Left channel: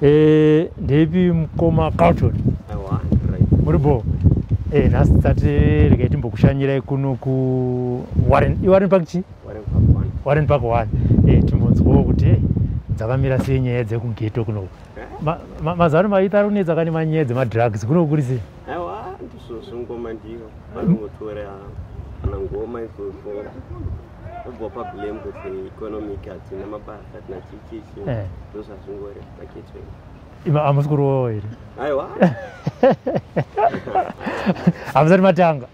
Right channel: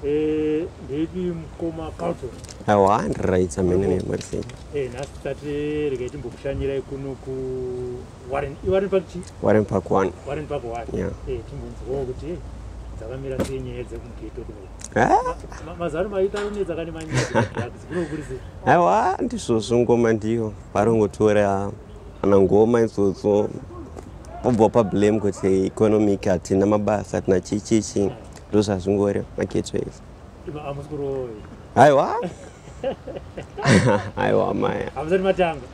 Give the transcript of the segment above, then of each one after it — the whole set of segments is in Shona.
Devi mkoma Carlton. Awa right Uripo. Nasitati ligetimbokushanyira kuno ku Warren Park chi? Warren Park 1. Warren Park 1. Timbonzwo kuti dzakamira senyaya dzekugeto kuno. Mazaro maita runedza kani manyaya dzemadrugs kuno kurisi. Awa ndizvo ngoma ndiyo. Varongotora ana ngoma izvozvo. Bopa blame kuti economic hatina mabasa hatina chichichi ndozvazvingori maketo izvi. Ima amusikurowo here. Aiwa. Aiwa mai. Hamusati matanga.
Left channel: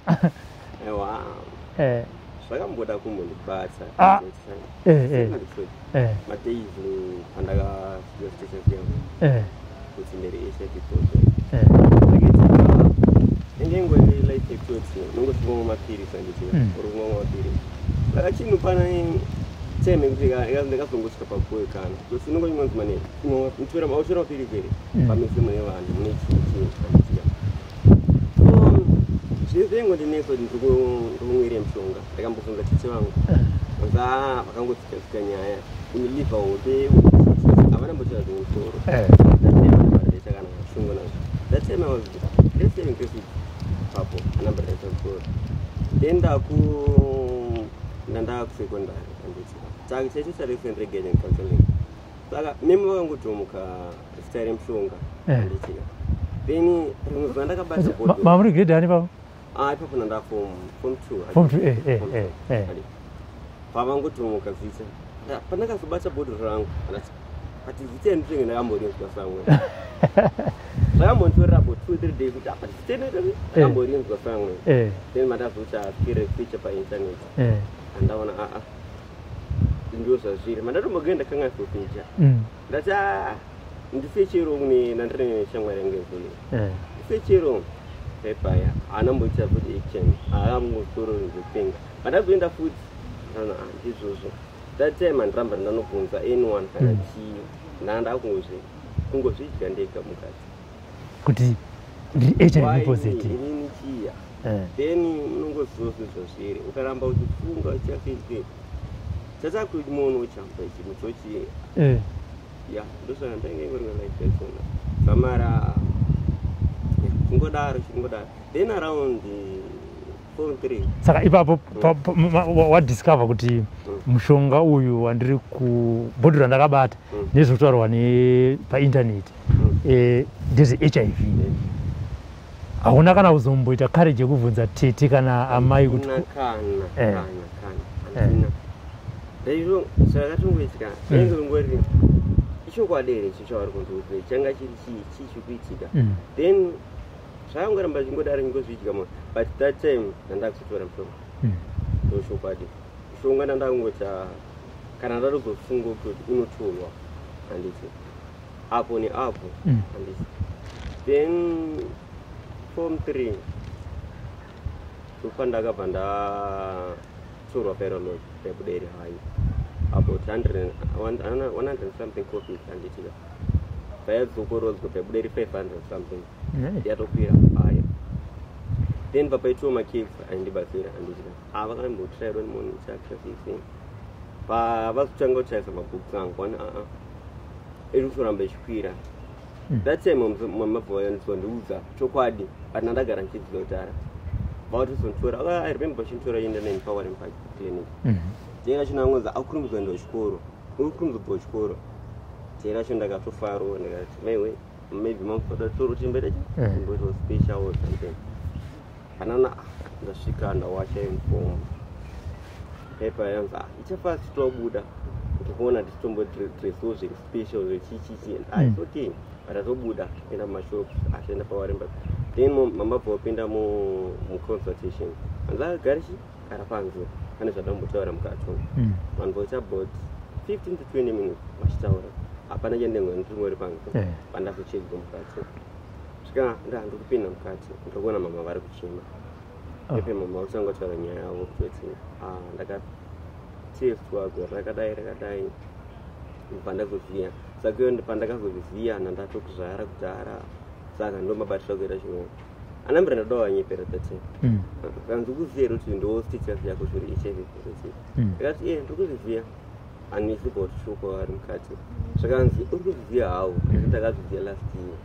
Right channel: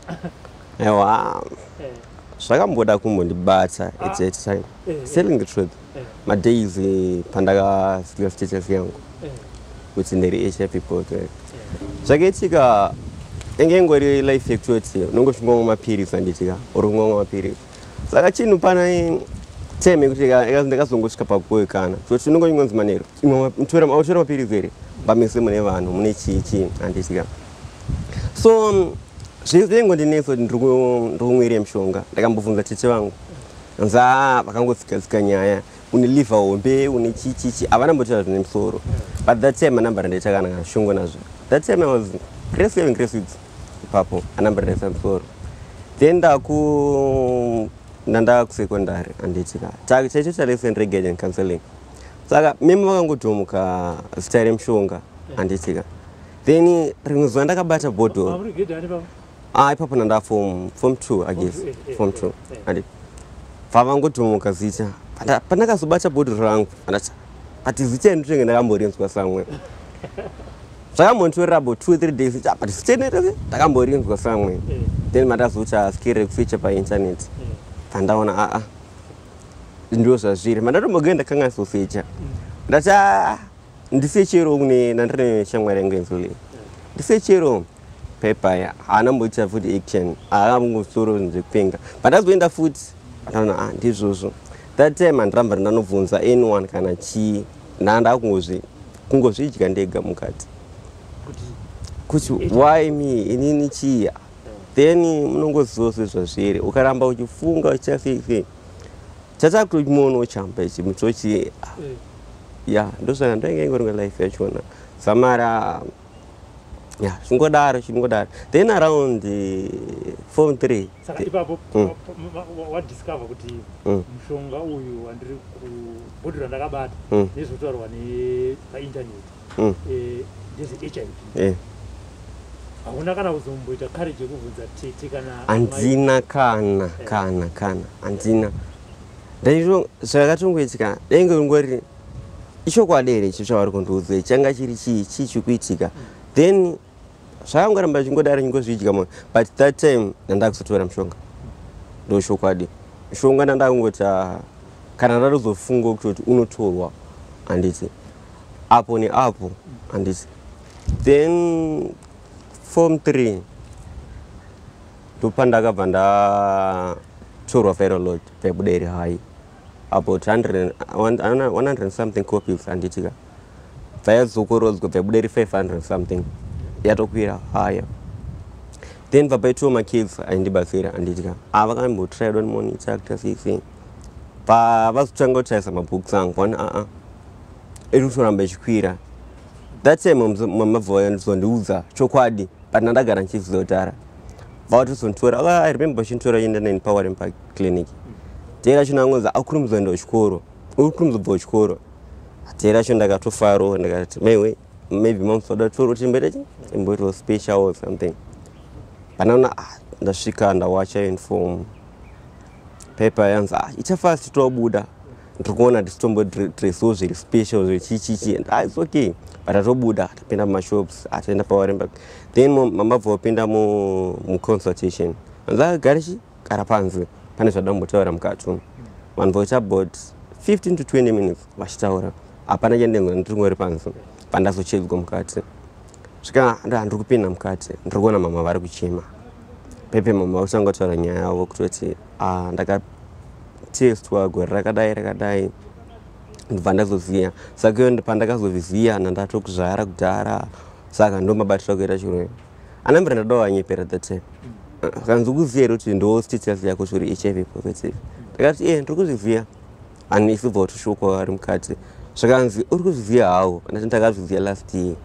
Aiwa. Zvakamboda kumbondibata at that time. Telling the truth. Madays pandakasvika status yangu. Kuti ndiri HIV positive. Zvakaitika enge ngori life yekutoti unongosvika mapirisi anditika uri kumwa mapirisi. Saka chinhu pana teme kuti ndakazongosvika papuwe kana kuti unongonzi manero autora mapirisi here pamise mune vanhu mune chichi anditika. So zvengo ndinetso ndiri kumwira mishonga ndakambobvunza tete vangu nza vakangotsika nyaya une liver hombe une chichichi havana mbotaura zvine musoro but that time anambara ndaita kana shongo nazvo that time I was grade 7 grade 6 ipapo anambara ndaita musoro then ndanda kusekondari anditika chaicho chalesson reggae and counseling saka meme vakangotomuka zita remishonga anditika then rimwe zuva ndakabata bhodho mamuri grade ani papa ipapo nanda form 2 I guess form 2 andi vavangotomuka zita pandakazobata bhodho rangu andati ati zita ndinenge ndakamborinzwa samwe zvakambonditorera about 2-3 days but zita ndakamborinzwa samwe then mandazoita skill feature painternet pandaona ndio zvazviri mandatombogenda ndakangasosecha ndati ndisechero kune nandire shamwari yangu enzole ndisechero pepaya haana mboita futi action haangosoro nzekupenga pandazoenda futi ndaona ndizvozvo that time handiramba ndanobvunza anyone kana chii ndanda kungozvidya ndega mukati kuti why me inini chiya then munongoziva sezvazviri ukaramba uchifunga uchichafiki chatakutochimono chamba ichi mutochi ya ndozvana ndoingaingoringa life yachona samara ya zvingodaro then around form 3 saka ipapo wadiscover kuti mushonga uyu wandiri kubhodho randakabata nezvotaurwa painternet ndeze HIV hauna kana kuzomboita courage yekubvunza tete kana amai handina kana handina ndaizvo zvakatongoitika dainge ngori ichokwadi here ichi zvavari kundiudza changa chiri chii chikuitika then zvakangoramba chingodaro chingozvidya mo but that time ndandakuzotora mushonga ndochokwadi mushonga ndandakungota kana ndatozofunga kutoti unotorwa handiti apo neapo handiti then form 3 ndopandakabva ndatorwa viral pebuderi hai about 100 something copies handitika dzayadzokorodzwa pebuderi 500 something yatokwira haya then papaitwo makids aindibatsira handitika avakambotried one morning chapter 6 pavazotanga kutarisa mabooks angu vana iri kutoramba ichikwira that time mamabva vayandizondiudza chokwadi but ndandagara ndichizotara vautozonditora I remember vachinditora enda neni paWarren Park clinic tera chinangonza akuri muzoenda kuchikoro uri kumuzobva kuchikoro tera cho ndakatofaro ndakati maybe mamuzoda toro timberechi imboitwa special or something panaona ndasvika ndawacha inform paper yanza ichafast tobuda ndikuona ndisitombodrasiwo zviri special zvechichichi it's okay but atobuda atapinda mumashops ataenda paWarren Park then mamabva opinda muconsultation anzagarichi kara panze pane zvadambotaura mukati vanhu voita about 15 to 20 minutes vachitaura hapana chandenzwa ndiringori panze pandazochedzwa mukati svika ndiri kupinda mukati ndiri kuona mama vari kuchema pepe mama uchanga kutaura nyaya yavo kutoti ndakatestwa gore rakadai ndibva ndazoziya saka iyo pandakazozviziya nandatokuzvara kudhara saka ndomabatira kuita chirwere anambira ndadawo anyepera that time kanzi kuziya kuti ndo status yako zviri HIV positive ndakati ndiri kuzviziya ani isibva kuti shoko ari mukati zvakanzi uri kuzviziva hawo andati ndakazviziva last year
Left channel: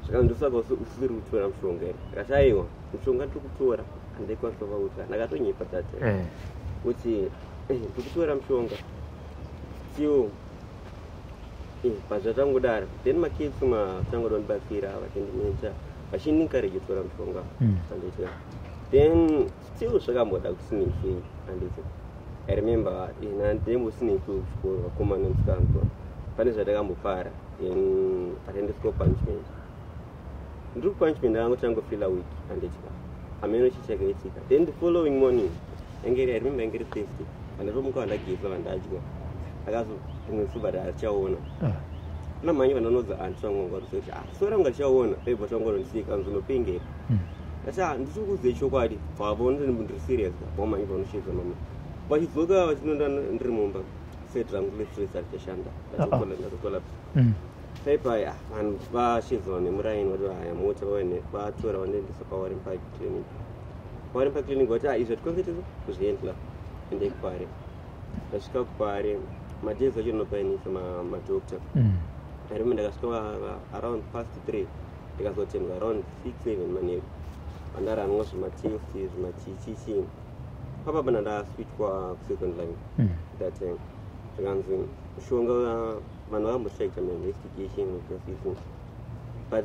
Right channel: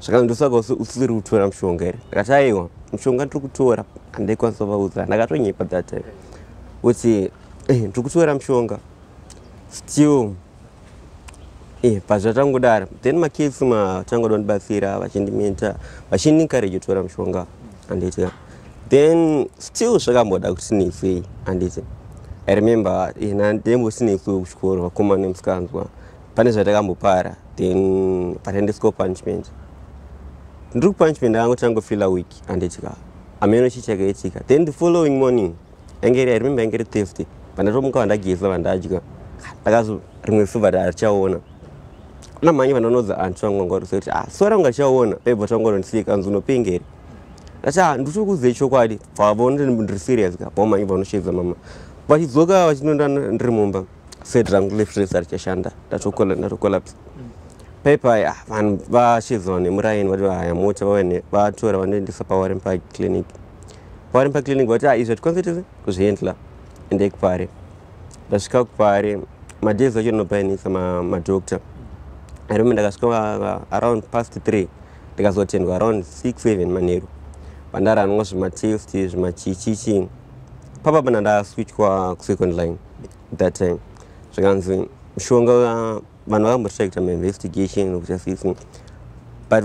zvakanzi ndosaka usiri kutora mushonga here ndakati aiwa mushonga ndiri kutora handaikwanisa kuvaudza ndakatonyepa that time kuti ndiri kutora mushonga still pazvatangodara then makesi matangoda kundibatsira vachindimenta vachindinkariji kutora mushonga handiti then still zvakamboda kuti neisei handiti I remember ndembosinesu kuchikoro vakomana nemusikanzwa pane zvatakambopara then patendisiko punishment ndiri kupunishment ndakangoti angofila week handitika ameno chichakaitika then the following morning I remember angeri Thursday pandatomuka vandageza vandadya ndakazo rimwe suva tarichaona kuna mhanyi vandanoudza antu angangwarisa kuti sora ungachaona paibva tangorondisika kanzi unopengera ndati ndiri kuziva chokwadi pavaona ndiri serious ka pamhanyi vanoshedza mama vachidzoka vachinonda ndiri mumba set rangu lefresa richashanda ndatokolapsa paipai vanhu vashedzana nemuraini vati haya mota vatora vanoendesa pawarren park clinic vati izvi hatikwanisa kuzviendla endei kupare ndasvika kupare madhezi acho ndinopainisa madokta arime ndakasvika around past 3 ndikazotendwa around 6-7 manheru pandaranwa zvimatest zvimachichichi papa ndaswitchwa kusecond line that time zvikanzi mushonga vanhu vakambotsvaita mainvestigation nokuchasisi but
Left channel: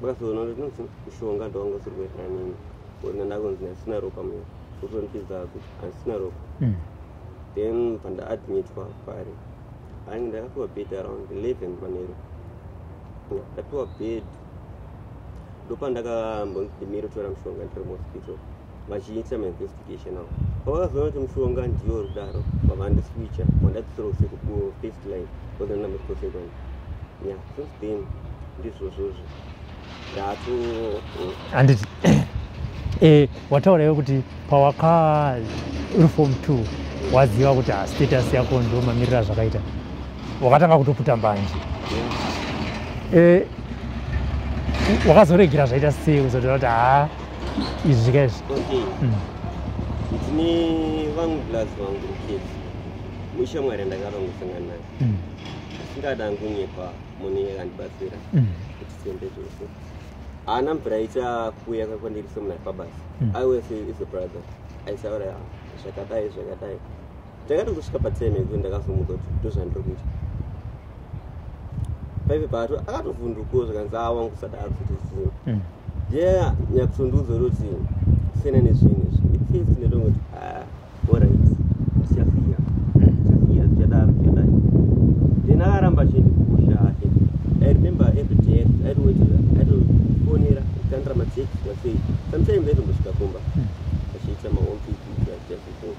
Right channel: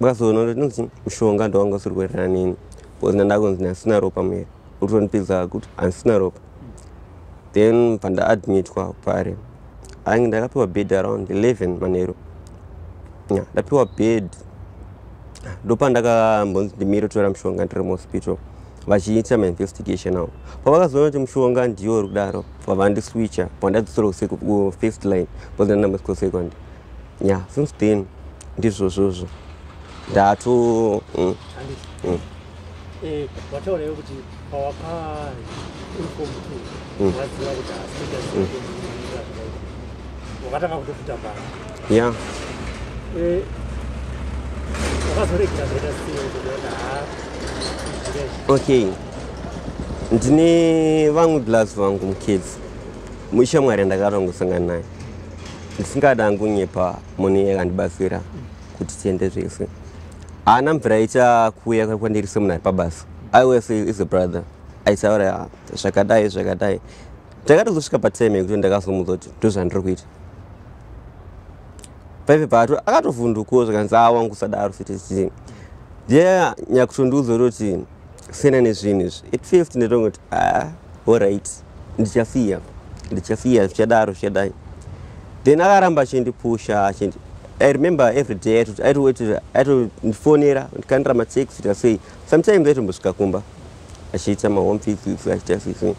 vakazoona kuti mushonga ndowanga usiri kuenderana neni because ndandakunzi ndasina ropa muya urikutondipidza kuti handisina ropa then pandaadmitwa pare ainge ndakapiwa bed around 11 manheru ndapiwa bed ndopandakambonzi ndimire kutora mushonga ndiri muhospital vachiita mainvestigation avo pavakazoona kuti mushonga ndiyo uri kudaro vavandiswitcha vandadzosera kufirst line because ndandambosvika second since then ndizvozvozvo ndato handiti wataurawo kuti pawaka uri form 2 waziva kuti status yako ndo mamirira zvakaita wakatanga kutofuta mbanje wakazoregera zvaita sei uzotora kuti izvi zvikaizvi okay ndine vamwe bloods vangu mukidzi mushamwari ndakatongosangana naye ndisingada ngunyepa mune yakandibatsira kuti tiende zvese haana mvura icha kuuya kwandiri semunhu ari pabasa iwas is a brother aitaura zvakadai ndakatozosvika patime yekuti ndakazomudza kuti ndozvandiri kuita paipe pato akatovhundukawo zvakanzi wangu usadaro fiti nyakutondiudza kuti sena nezvinhu izvi it feels ndetongoti allright ndichasiya zvichadaro zvichadai then akaramba achindipusha I remember every day aitofonera ndikandira matext asei sometimes aitombosvika kumba achiita mahome visits achiita sisi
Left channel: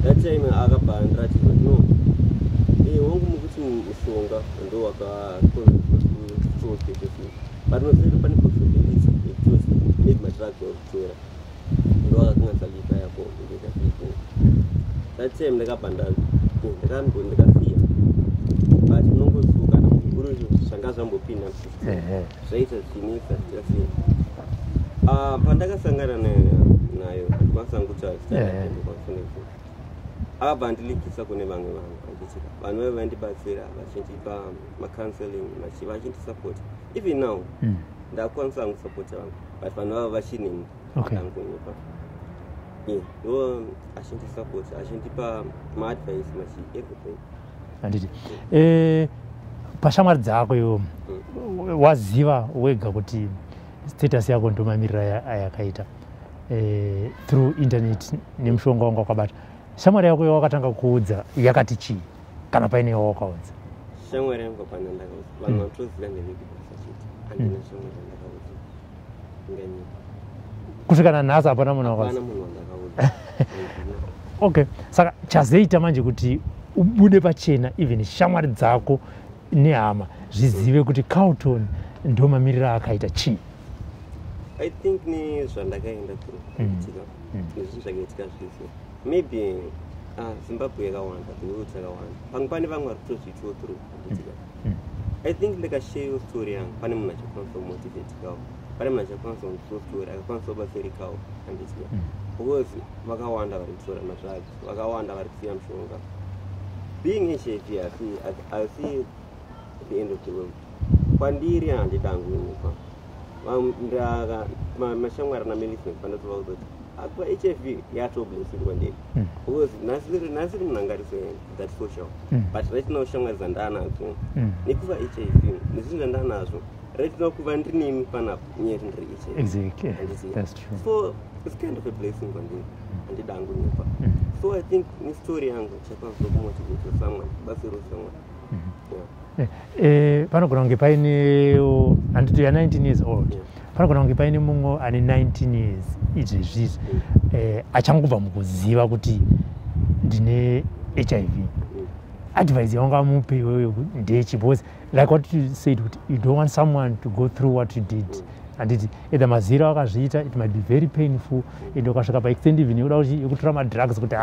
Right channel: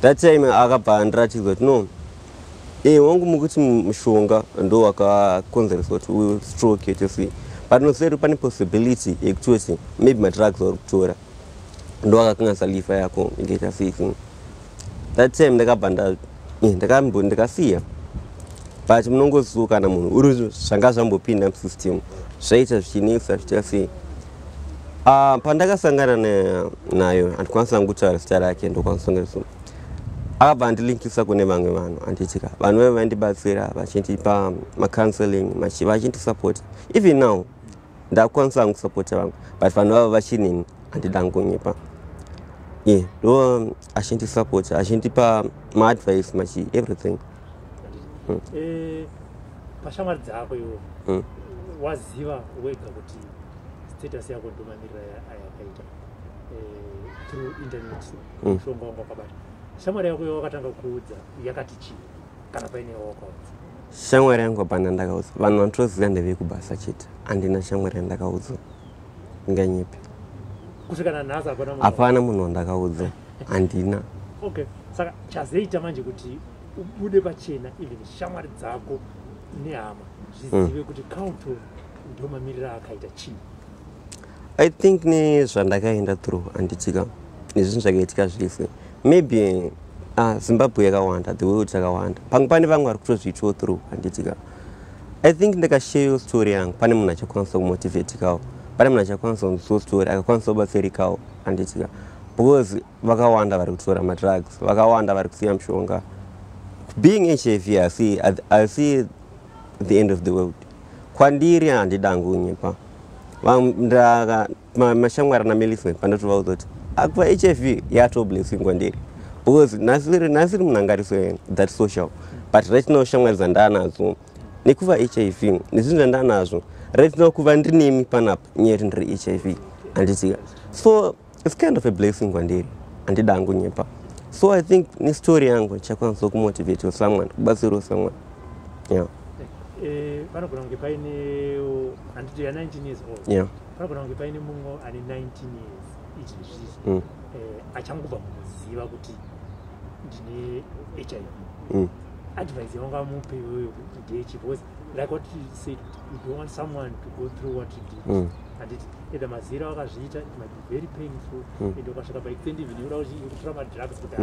that time akabva ndiratidza kuti no wangu mukuti mushonga ndo wakakonzeresa kuti uyu stroke yachosii but noseri pane possibility yekutoti maybe madrugs auri kutora ndo akakanganisa lifa yako ingeita sisi that time ndakabva ndikasiya but munongosuka kana munhu uri zvanga zvambopinda musystem zvaita zvichinisa zvichasei pandakasangana nayo handikwanisa kutaura zita rake ndokwanisongereso akabva ndilinkisa kune vamwe vanhu handitika vanhu vaiva vandibatsira vachindipa macounseling vachindisapota even now ndakwanisa kusapota vamwe but vanhu vava vachinini handida ngunyepa ndo achindisapota achindipa maadvice machi everything handiti pashamwari dzako iwo waziva wega kuti status yako ndomamirira ayakaita through internet nemushonga wanga wakabata shamwari yako wakatanga kuudza yakati chii kana paine wawakaudza shamwari yangu apana ndakaudza vanhu vanotoziva ndevekubasa chete handina shamwari yandakaudza nganyepi kusvikana nhasi hapana munhu wandakaudza handina okay saka chazoita manje kuti ubude pachena even shamwari dzako nehama zvizive kuti Carlton ndo mamirira akaita chii I think nezvandakaenda through handitika nezvinhu zvakaitika zvese maybe Zimbabwe yakawanda the world yakawanda pamwe pane vamwe vari kutozviitawo through handitika I think ndakasharewo story yangu pane munhu achakwanisa kumotivatikawo pane munhu achakwanisa kundisawo story akakwanisa kubatsirikawo handitika because vakawanda vari kutora madrugs vakawanda vari kusiya mushonga being HIV, I see the end of the world. Kwandiri handidangu nyipa. Mashamwara na meliswe pandatu waudoti. Akwa HIV yato blessing kwandiri. Because nasiri mnangari that social. But right now shamwara zandana zo. Nikuva HIV. Nizindu zandana zo. Right now kuva ndini panap nyetindri HIV. So it's kind of a blessing kwandiri. Handidangu nyipa. So I think ni story yangu chakwanza kumotivate someone. Basiru someone. Yeah. Panogona kunge paine anditi ya 19 years old. Yeah. Panogona kunge paine mungo ane 19 years izvezvi achangobva mukuziva kuti ndine HIV. Advice yanga mupe iwewe ndechi, because like what you said, you don't want someone to go through what you did. Anditi either mazira akazviita, it might be very painful. Ende ukasvika pa extend even uda kutora ma drugs kuti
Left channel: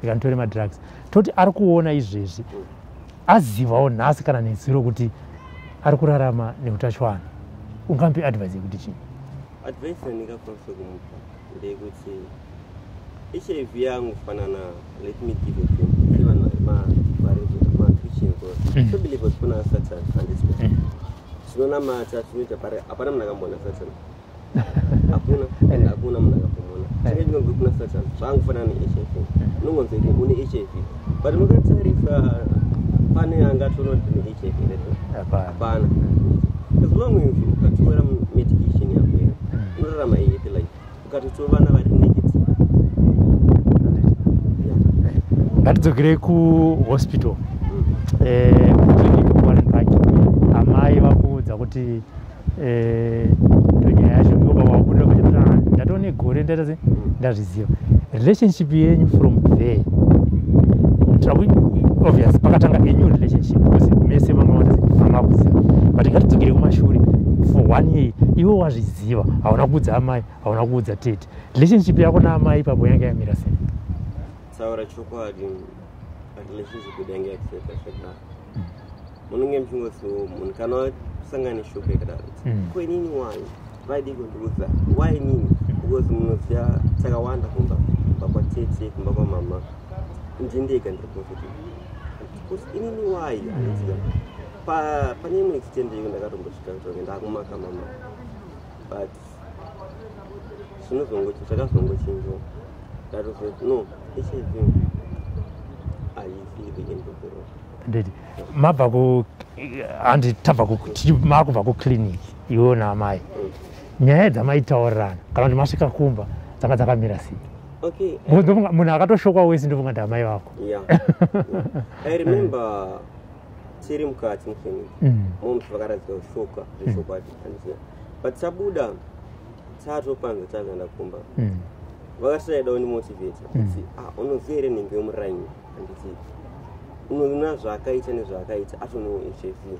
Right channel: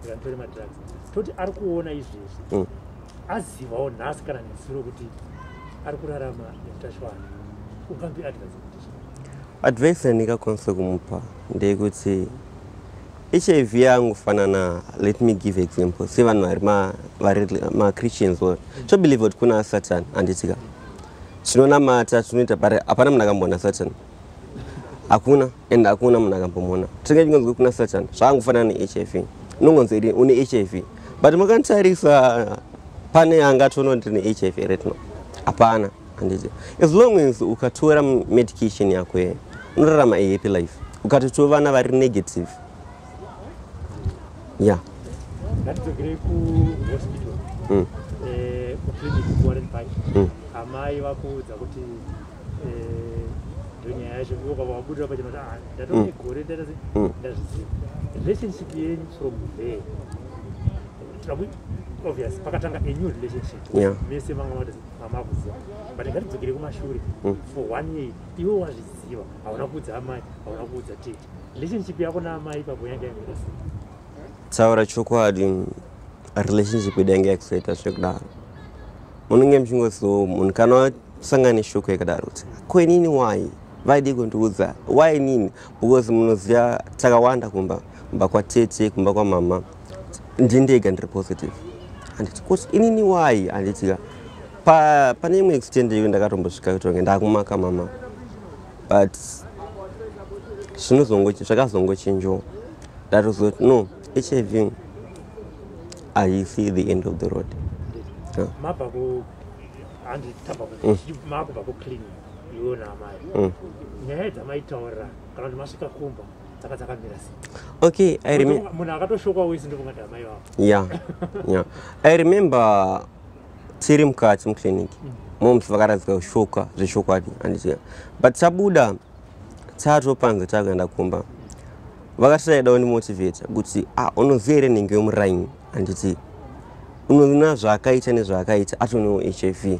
ndikantore ma drugs. Toti ari kuona izvezvi. Azivawo nhasi kana neziro kuti ari kurarama neutachiwana. Ungampe advice yekuti chii? Advice yandingakwanisa kumupa ndeyekuti HIV yangu fanana, let me give example. Sevanhu vari ma-Christians tobelieve kuti kuna Satan handitika. Tinonamata tunoita but hapana munhu akamboona Satan. Hakuna and hakuna munhu akambomona. Tingangonzwa kuna Satan zvangofanana ne-HIV. Unongonzwa une HIV. But mukantarisa pane angatoona kuti ndine HIV right now. Hapana handiti. As long as ukatora medication yako unorarama a happy life. Ukatotora vana vari negative. Yeah. Ngatidzokere kuhospital. Amai vakuudza kuti ndonyaya yacho ngoba wabuda kuchena ndatone gore ndataze ndazviziva. Relationship yenyu from there. Obvious, pakatanga a new relationship. Mese vamakuziva. But ngatidzokere kumashure. For 1 year, iwe wazviziva, hauna kuudza amai, hauna kuudza tete. Relationship yako naamai papo yanga yamira sei? Taura chokwadi, relationship yedu yanga yakusaita zvekudaro. Munenge muchingoziva munhu kana wasangana shoko yakadaro kuti ko inini why? Vaide kundiudza why nini? Because munoziva takawanda kumba kwatete, kumba kwamama. Ndindega ndiri positive. Handiti kuti inini why? Handitika pane imwe extend iyo ndakatombosvika kutonge ndakumaka mama, but zvakazongochinjawo ndatozoti no, HIV I see the end of the road. Mabva makubva kuclinic iwo naamai, nyaya dzamaitaurirana kana kuti masvika kumba dzanga dzakamira sei? Okay, munhu akatoshokwa wese ndofunga kuti amai vako. Yeah. I remember tiri mukati muclinic momusi vakaradzika kushoka zveshokwadi handiziva, but tabuda tatopanza takaenda kumba vakataidawo ndimotivata kuti unoziva here nhengo yomuraini handiti unoona zvaakaita nezvaakaita atonewo HIV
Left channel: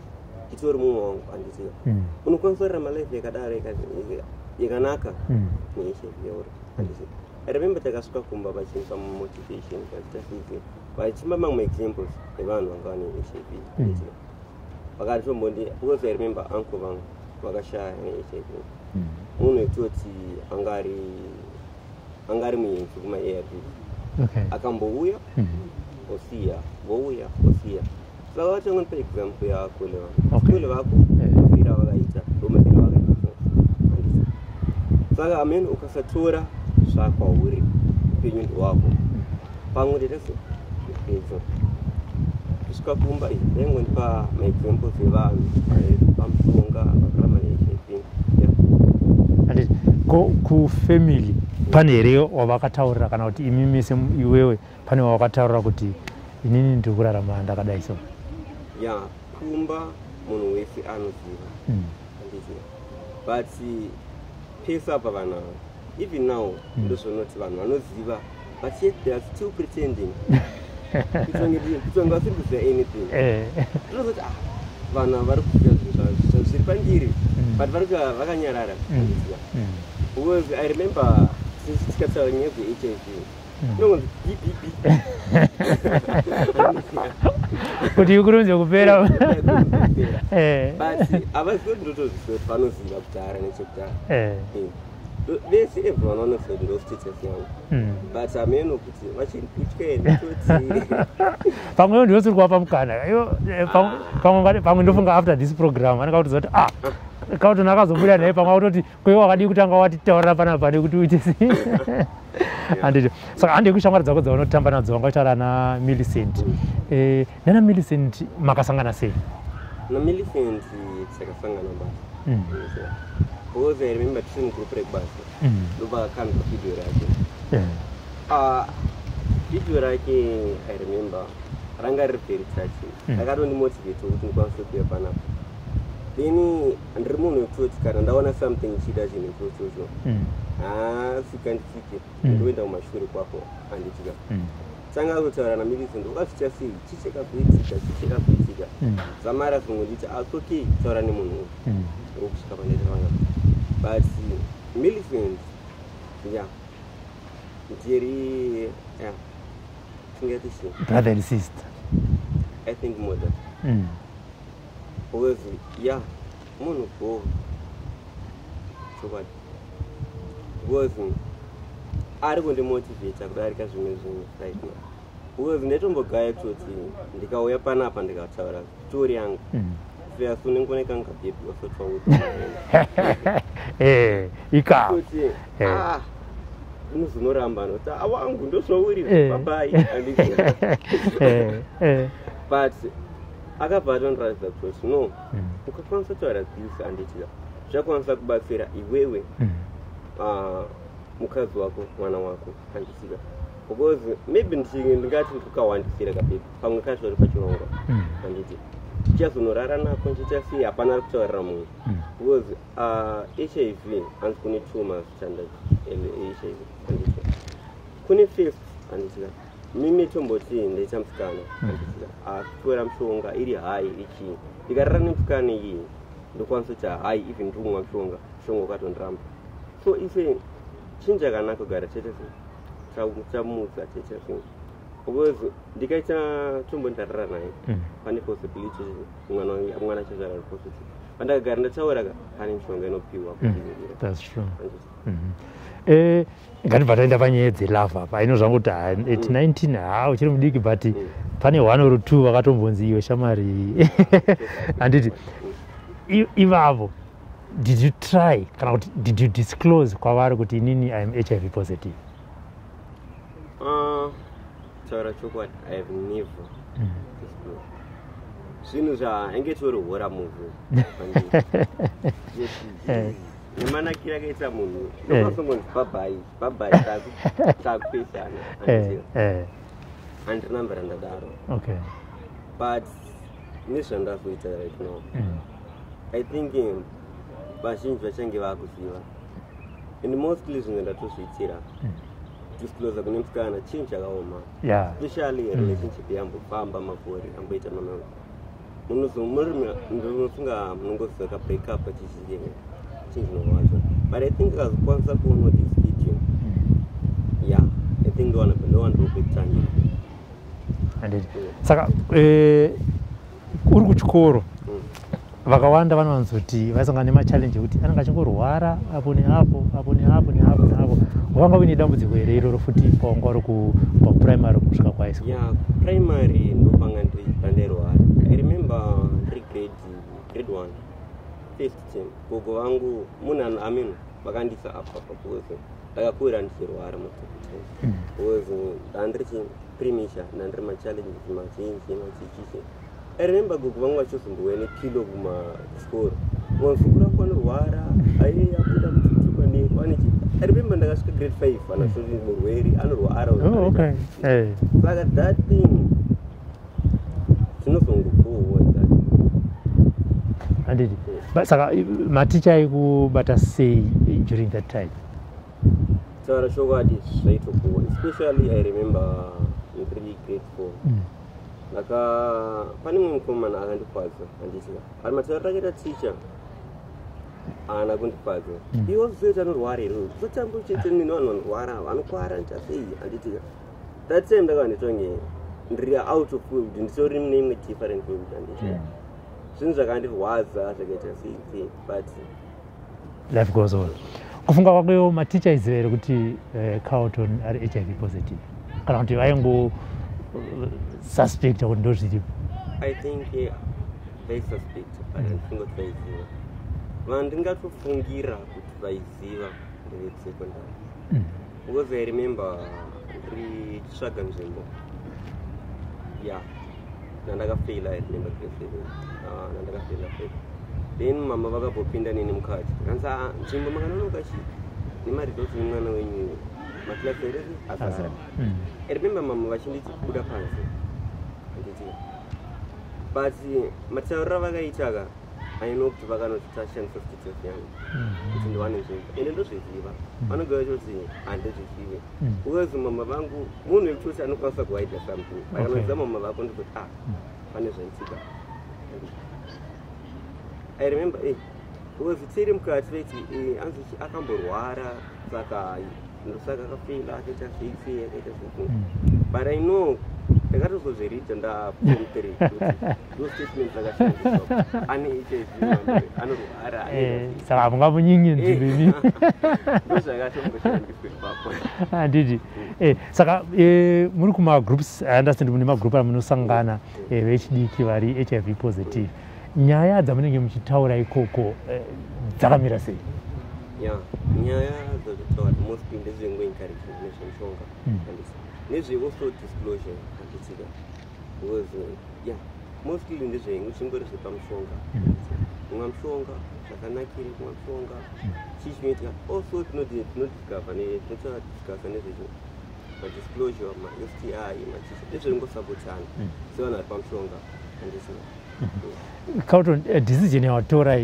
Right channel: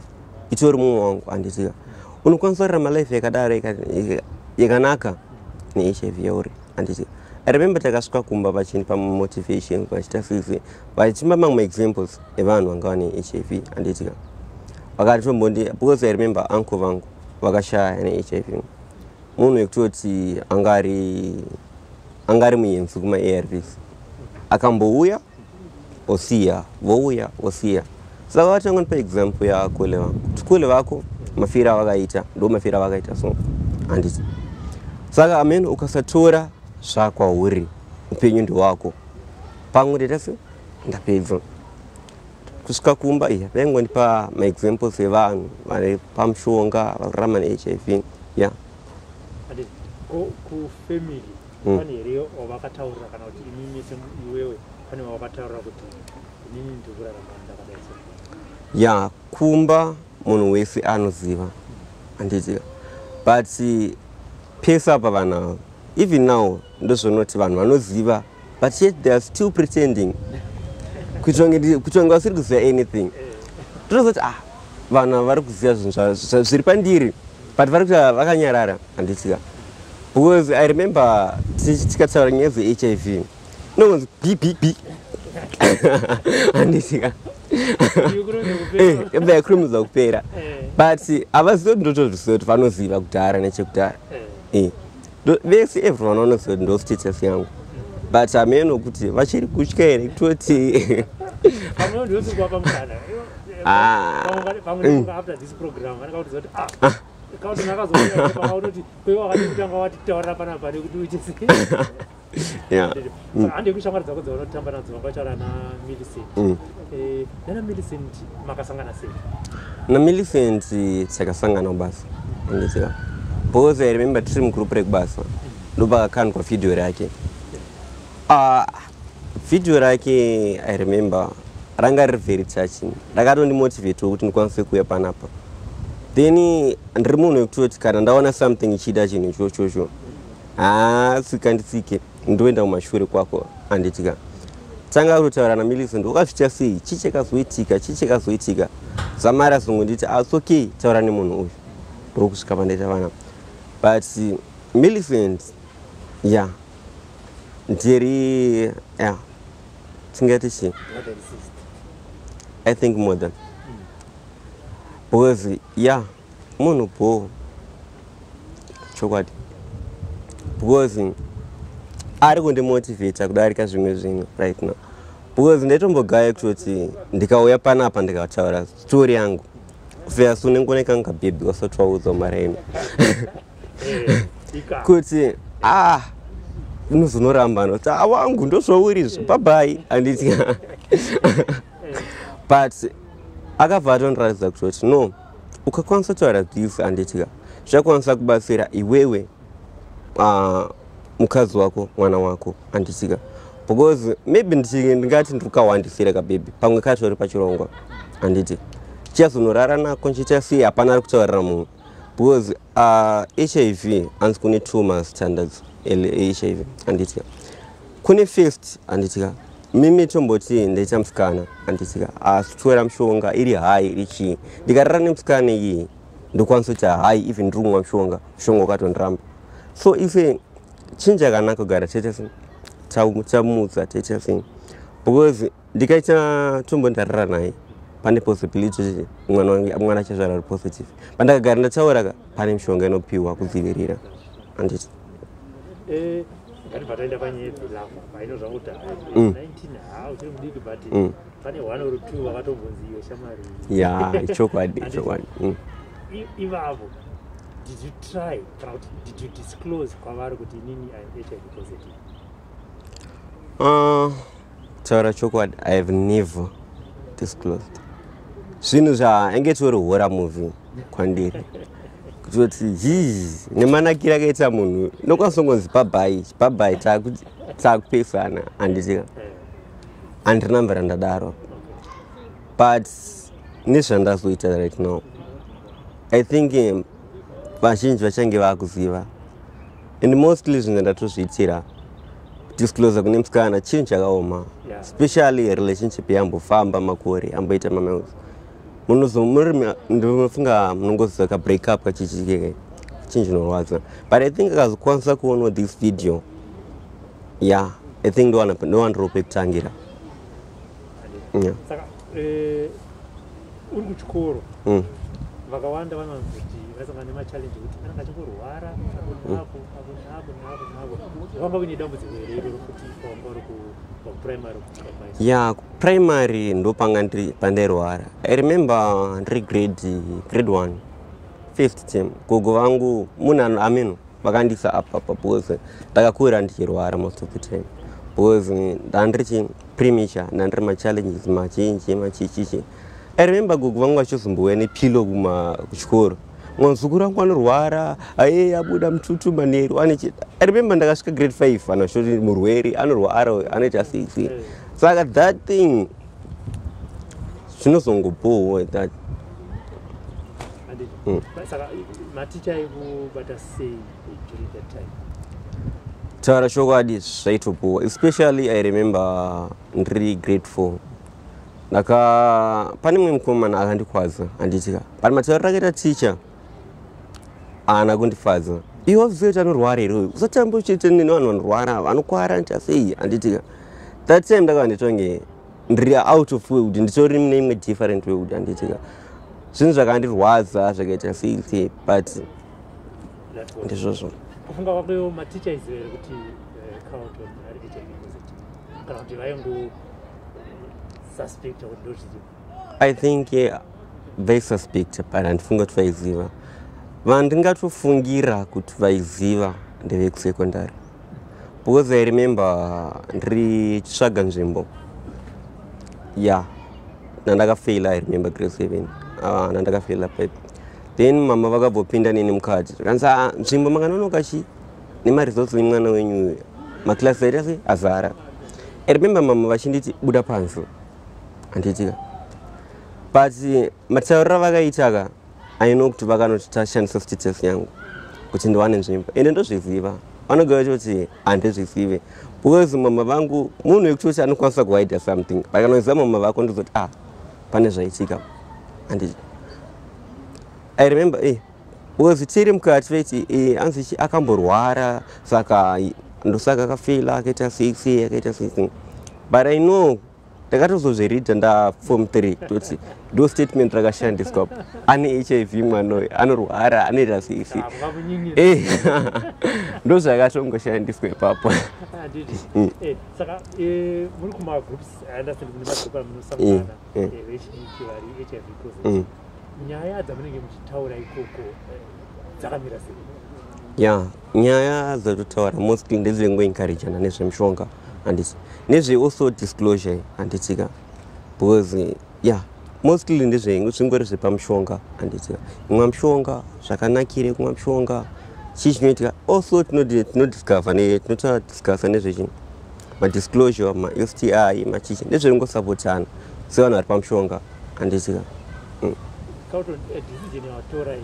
itori mumwe wangu handiziva unokwanisa kurarama life yakadaro yakanaka neHIV yauri handiziva. I remember takasvika kumba vachinipa motivation vachita sisi vachipa mamwe examples evanhu vanga vane HIV handitika vakatombondia, because I remember uncle vangu vakashaya neHIV. Munhu wekutoti angari muenzi kuma-ARVs akambouya osiya, vouya osiya. Saka vatangonipa example yakole vangu tikule vako mafira avakaita ndo mafira avakaita so handiti. Saka amen ukasatora zvakwauri upenyu ndowako pamwe ndetase ndapedza kusvika kumba vaingondipa maexamples evanhu vari pamushonga vakurarama neHIV. Yeah. Kufamily pane here wavakataurira kana kuti imi mese iwewe pane wavakataurira kuti inini ndiri kurarama ndakadai so? Yeah, kumba munhu wese anoziva handiziva, but pesa apa vanhu even now ndozvonoti vanhu vanoziva but yet they are still pretending kutonge vasiri kuziva anything. Tozoti vanhu vari kuziva zvinhu zviri pandiri but vari kuti vakanyarara handiziva. Because I remember tikataura nyaya dzeHIV nongonzi bbb handiziva kurumidza kupera but havazivi ndotozviziva kuti vanoziva kudhara nechekudhara. vese everyone wanoziva kuti ndo status yangu but ameno kuti vachiri kutya here toti pamwewo ndinosi kuwapa mukana pamwe ndofunga after this program anenge kutiza kuti Carlton akazobuda naye pamwe kutoti kwewo wakadi kutanga watitaurira panapa nekuti uite anditi saka handi kushamwari dzako dzaunotamba nadzo wangataura na Millicent nana Millicent makasangana sei? Na Millicent takasangana basa ndizira because I remember tiri mugroup rekubasa ndopakakandwa video rake video rake I remember ranga riri very touching rakatondimotivate kuti ndikwanise kuuya panapa then ndiri munhu wekutoti kana ndaona something ichida chinhu ichocho sikanditsike ndoenda kumashure kwako anditika tanga kutaura na Millicent ukazviita sei chichakazoitika zamara zungu nditi it's okay taura nemunhu uyu ndokusvika pandaita vanapa but Millicent ndiri tingati chii brother and sister I think more than because munhu po chokwadi because ari kundimotivata kudarika zvimwe zvinhu right now because ndaitombogaye kutoti ndikauya panapa ndikataura story yangu verse unengoneka ngabhebhi wasatwauza mareni kuti unozonoramba noti wangu ndozvaurizvi babai handiti but akabva atondiratidza kutoti no ukakwanisa kutaura this handitika zvakwanisa kubatsira iwewe mukadzi wako mwana wako handitika because maybe ndingati ndikawandisira kabhebhi pamwe katori pachirongwa handiti chichazonorara nako nchiita sei hapana ari kutaurira munhu because HIV hanzi kune 2 mastandards HIV handitika kune first handitika mimi tomboti ndaita musikana handitika asi kutora mushonga iri hai iri chii ndikarara nemusikana iyi ndokwanisa kuti hai even ndiri kumwa mushonga wakatondiramba so ife chinja yakanaka kugara tamutsa taita sei because ndikaita tombondarara naye pane possibility kuti mwana achazvara ari positive pandakagara ndataura pane mishonga inopiwa kudzivirira handiti ngatibva taenda panyaya dzelava apa inozvanga kuti at 19 uchiri mudiki but pane 1 or 2 vakatombonzi iwe shamari handiti ivavo did you try kana kuti did you disclose kwavari kuti inini I am HIV positive? taura chokwadi I have never disclosed zvinhu zvaenge tori horror movie kwandiri kutoti nemanakira akaita munhu ndokwanisa kungonzi babai takupesana handitika handina mvera ndadaro but nezvandazoita right now I think vazhinji vachange vakuziva and mostly zvinhu ndatozviitira disclosure kune musikana chinhu chakaoma especially relationship yambofamba makore amboita mamaus ndinofunga munongoziva ka break up kachichike chinhu chinorwadza but I think akazokwanisa kuona this video I think ndowandiripe kutangira saka uri kuchikoro vakawanda vanowanzoti vasangana nemachallenge ekuti anenge achingorwara apo neapo wanga uine dambudziko here iroro futi wanga uri kuprimary kusvika kwaisa? Kuprimary ndopanga pandairwara. I remember ndiri grade 1 first term gogo vangu munhu ameno vakandisa apa because ndakakura ndichirwara most of the time because ndandiri premature ndandiri machallenges machinji machichichi. I remember gogo vangu vachizombouya nepilo kuchikoro mwanzukuru wangu anorwara abuda mututu manheru I remember ndakasvika grade 5 anashoti murwere anorwara anoita sei saka that thing zvinozongobowa that handiti saka maticha aikubata sei during that time? taura chokwadi zvaitobowa especially I remember ndiri grade 4 pane mumwe mukomana akandikwadza handitika but matauriro akaita ticha haana kundifadza iwe waziva kuti anorwara here usatamba uchiita nevanhu vanorwara vanokwara nita sei handitika that time ndakava nditonge ndiri out of way kuti nditori neimwe different way kuti handitika zvinhu zvakandirwadza zvakaita sei but life goes on. Kufunga kwako maticha izere kuti Carlton ari HIV positive kana kuti vaingo suspect kuti ndo zviripo. I think they suspect but andifunga kuti vaiziva. Vandingatofungira kuti vaiziva ndevekusekondari. Because I remember ndiri chitsvaga nzvimbo. Yeah. Nandakafaila, I remember grade 7. Nandakafaila pipe. Then mama vakabvopinda neni mukati. Kanza nzvimbo makanonoka chi nemaresults emwana wenyu maklasi aita sei azara. I remember mama vachinditi buda panze. Anditika. But mataurira vakaitaka I know kuti vakanoti tashandisa status yangu kuti ndiwane nzvimbo ende ndozviziva vanogara kuti handizvizive because mama vangu munhu wekutoti anokwanisa kuhida something vakanoziva mama vako ndizoti pane zvaitika handiti. I remember because tiri mukati veiti anzi akamborwara saka ndosaka akafela akaita 6 but I know ndakatozozviridha ndaform 3 kuti ndo statement rakashandiswa ane HIV mwana anorwara anoita ndo zvakatongoshandiswa ipapo handiti. Saka muri kumagroups I understand mune magroup amunosangana vechidiki vari HIV positive nyaya dzamunenge muchitaura ikoko dzakamira sei? Nyaya dzatotaura mostly ndezvengoencouragana nezvemishonga handiti nezve also disclosure handitika because mostly ndezvingori zvepamushonga handitika kumwa mushonga zvakanakire kumwa mushonga chii chinoitika also tinodiscover nezvechinhu madisclosure ma-STI machichi ndezveringosapotana sevanhu vari pamushonga handitika. Carlton, decision yawatora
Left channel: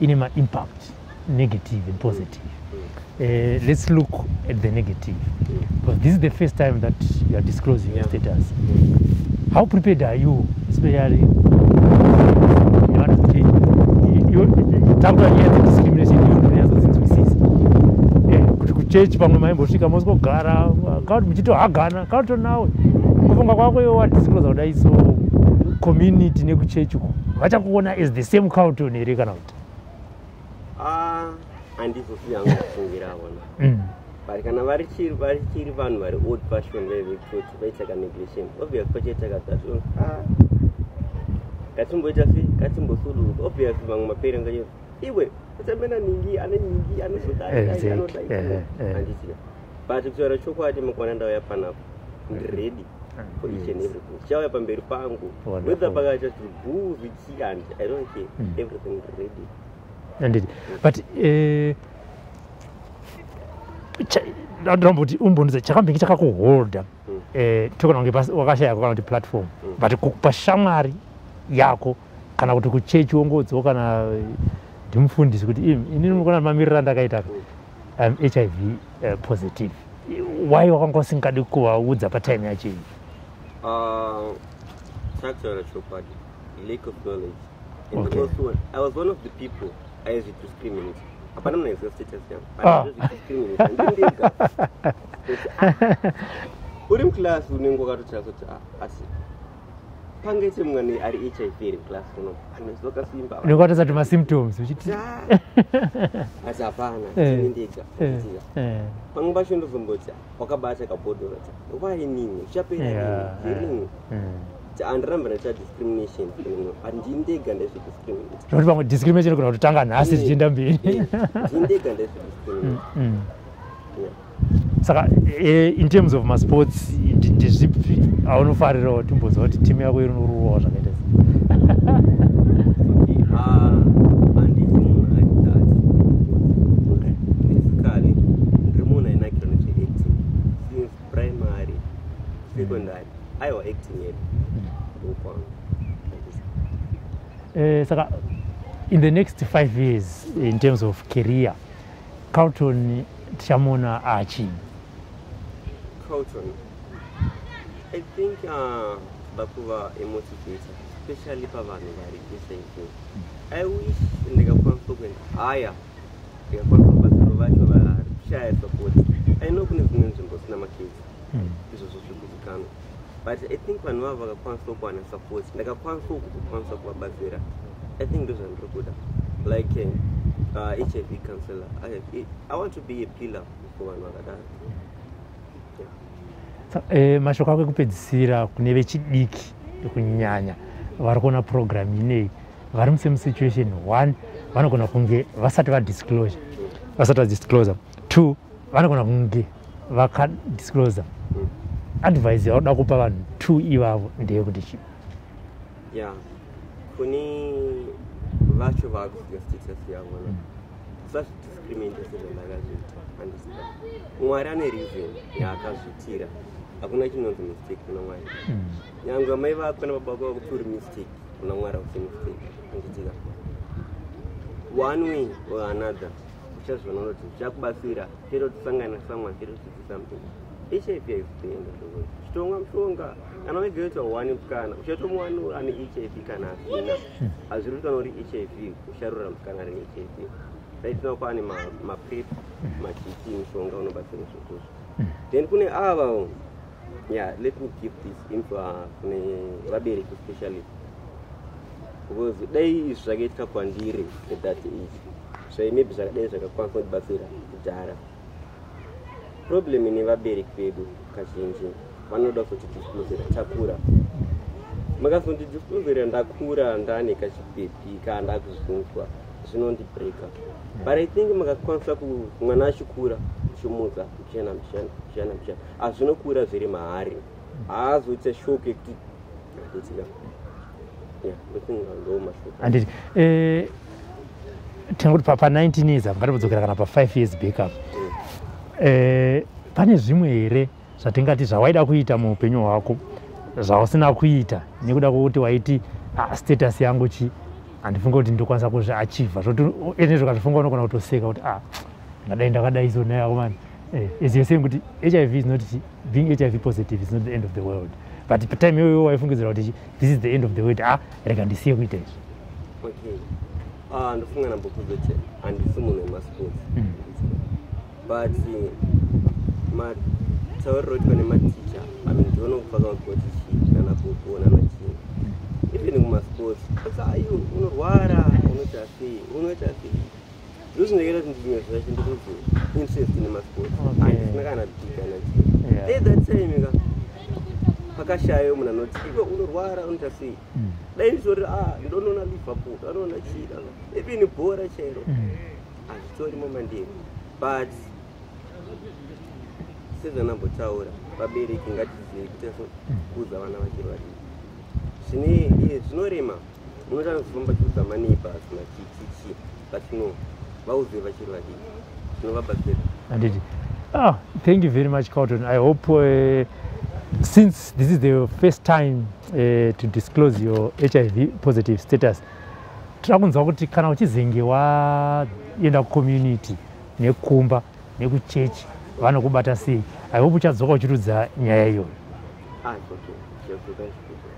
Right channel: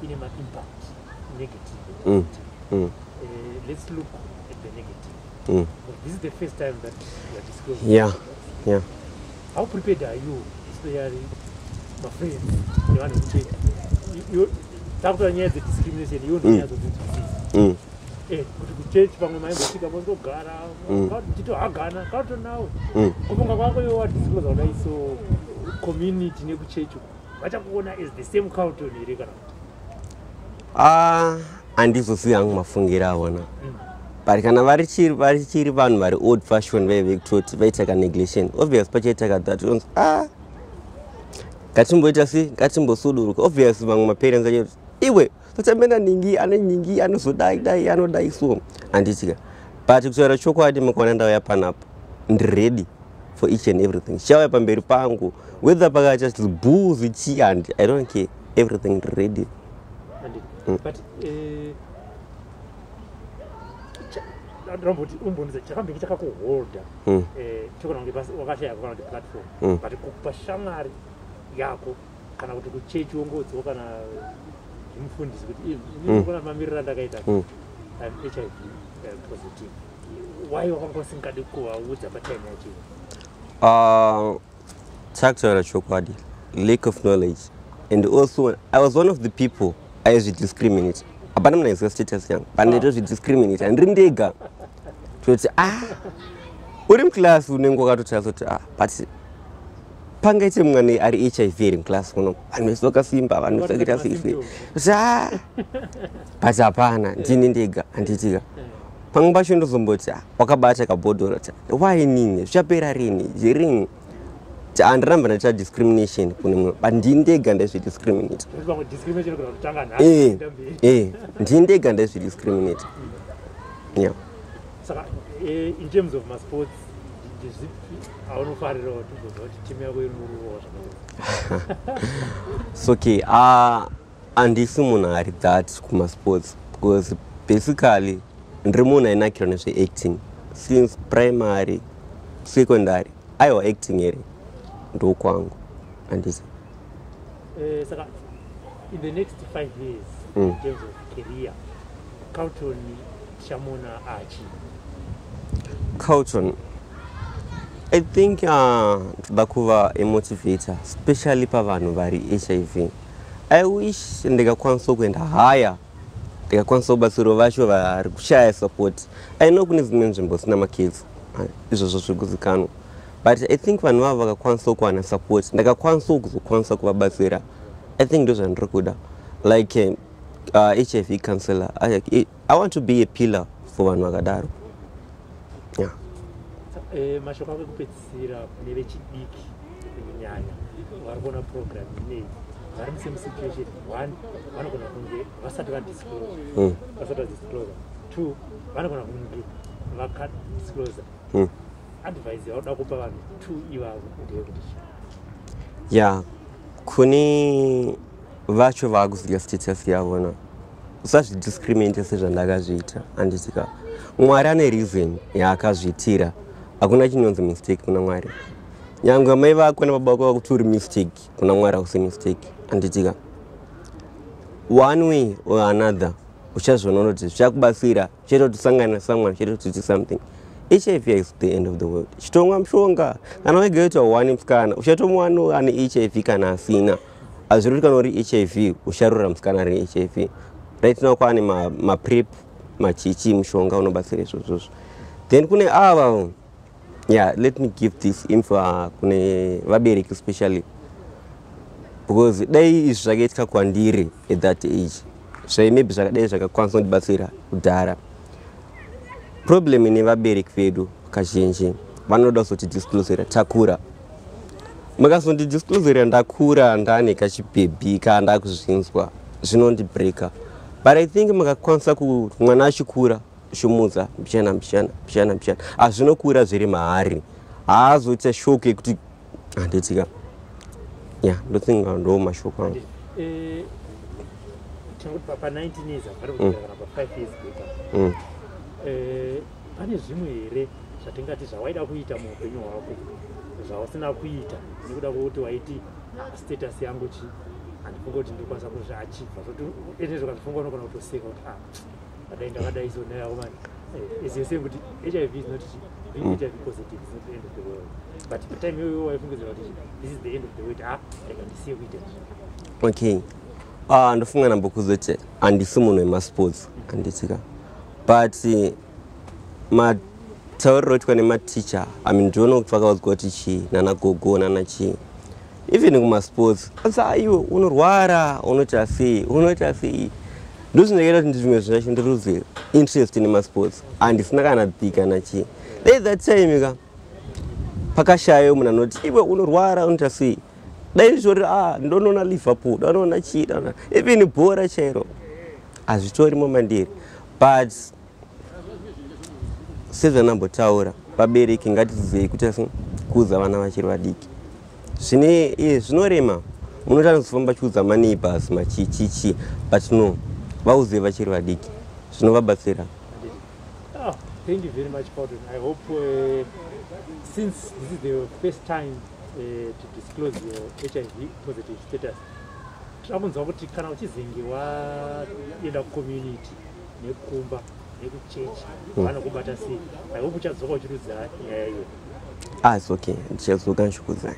ine ma-impact negative and positive. Let's look at the negative. But this is the first time that you are disclosing your status. How prepared are you, especially you want to change? The discrimination kuchechi pamwe maingosvika mosvogara Carlton muchitohagana Carlton nawe kufunga kwako iwe wadisclose kudai so community nekuchechi vachakuona as the same Carlton here kana kuti handizozivi hangu mafungira avona but kana varichiri vanhu vari old fashion vekutoti vaitaka neglection obvious pachaitaka that onzi gatimboita sei gatimbosuduruka obvious vamwe maparents achoti iwe tochamenda ningi ane nyingi anozodai anodai so handitika but kutaura chokwadi makaona ndauya panapa ndiready for each and everything chauya pamberi pangu whether pakacha booze chi and I don't care everything ready. Indeed. But ndamboti umbonza chakambingi chakakuholda tokona kunge wakashaya kana kuti platform but pashamwari yako kana kuti kuchechi wongodzo kana ndimufundisi kuti ini ndinokona mamirira ndakaita I'm HIV positive. Why wakanga usingadi kuvaudza patime yacho? Chakutaura chokwadi, lack of knowledge, and also I was one of the people I used to discriminate. Apana mnaiziva status yangu, but I discriminate and ndega. Kuti uri mclass unenge wakatoti but pangaite mwana ari HIV iri mclass kuno anosoka simba vanhu symptoms but hapana ndini ndega handitika pamwe pacho ndozomboti wakabata kabhodhoro why nini zvichapera rini zvirini handiramba ndaita discrimination kune mumwe but ndini ndega ndaizvidiscriminate nekuti pamwe discrimination kuna kutotanga nhasi zvichienda mberi ndini ndega ndaizvidiscriminate. Saka in terms of masports ndizvipi aunofarira kuti timboziva kuti timu yako inoruwa zvakaita so okay handisi munhu ari that kumasports because basically ndiri munhu ainakirwa nezveacting since primary secondary aiwa acting here ndokwangu handisi. Saka in the next 5 years in terms of career Carlton tichamona achii? Carlton, I think ndoda kuva a motivator, especially pavanhu vari HIV. I wish ndingakwanisa kuenda higher, ndingakwanisa kubatsira vacho vari kushaya support. I know kune dzimwe nzvimbo sina makids, izvozvo zvikuzikanwa. But I think vanhu vavo vakakwanisa kuwana support, ndingakwanisa kuzokwanisa kuvabatsira. I think ndozvandiri kuda. Like HIV counselor. I want to be a pillar for vanhu vakadaro. Yeah. Mashoko ako ekupedzisira kune vechidiki kunyanya vari kuona program inei vari musame situation. One, vanogona kunge vasati vadisclosure, vasati vadisclosure. Two, vanogona kunge vakadisclosure. Advice yaoda kupa vanhu two ivavo ndeyekuti chi? Yeah, kune vacho vakuziva status yavona usazvidiscriminate sezvandakazviita. Anditika Mwari ane reason yaakazviitira. Hakuna chinonzi mistake kuna Mwari. Nyangwe mai vako nababa vako vakuti uri mistake, kuna Mwari hakusi mistake. Anditika one way or another uchazviona kuti zvichakubatsira, zvichaitotisangana someone, zvichaitotiti something. HIV is the end of the world. Chitomwa mshonga kana wegeta one msikana uchatomwana ane HIV kana asina. Azviri kana uri HIV usharura msikana ari HIV. Right now kwane ma prep machichi mshonga unobatsira izvozvo. Then kune ava, yeah, let me give this info kune vabereki especially, because dai izvi zvakaitika kwandiri at that age, maybe zvakadai zvakakwanisa kundibatsira kudhara. Problem ine vabereki vedu kazhinji vanoda kuzotidisclosera takura. Mukazondidisclosera ndakura ndane kachibhebhi ndakuzvinzwa zvinondibreaka. But I think mukakwanisa kuti mwana achikura shumudza mpichana azvinokura zviri mahari, haazoita shoko yekuti handitika. Yeah, ndothinga ndo mashoko. Handiti tinoti pa 19 years ngatibodzokera kana pa 5 years back up. Pane zvimwe here zvatingati zvawaida kuita muupenyu hwako zvausina kuita nekuda kwokuti waiti status yangu chi handifunga kuti ndokwanisa kuzviachievha, zvoti zvokatifunga unogona kutoseka kuti ngadai ndakadai so naye akomana. As you're saying kuti HIV is not, being HIV positive is not the end of the world, but pa time iyoyo waifungidzira kuti this is the end of the world. Rega ndisiye kuita izvi. Okay, ndofunga nambokuzoti handisi munhu wemasports. Handitika, but matauriro oitwa nematicha, ndiono kuti vakaudzwa kuti chii nanagogo nanachi, even kumasports aiwo unorwara unoita sei ndozvinoita kuti zvimwe zvacho ndiruze interest nemasports, handisina kana bika nachii. Dai that time ka pakashayo munhu anoti iwe unorwara unoita sei, dai ndizvori ndonoona Liverpool, ndonoona chii, even bhora chairo hazvitorimo mandiri. But sezvanambotaura, vabereki ngatizei kuti kuudza vana vachiri vadiki zvinorema. Munoti anozofamba chiudza maneighbors machichichi, but no, vauze vachiri vadiki zvinovabatsira. Thank you very much, Carlton. I hope since this is the first time to disclose your HIV positive status, tirakunzwa kuti kana uchizenge waenda kucommunity nekumba nekuchechi vanokubata sei. I hope uchadzoka uchirudza nyaya iyo. It's okay, ndichadzoka ndichikuudzai.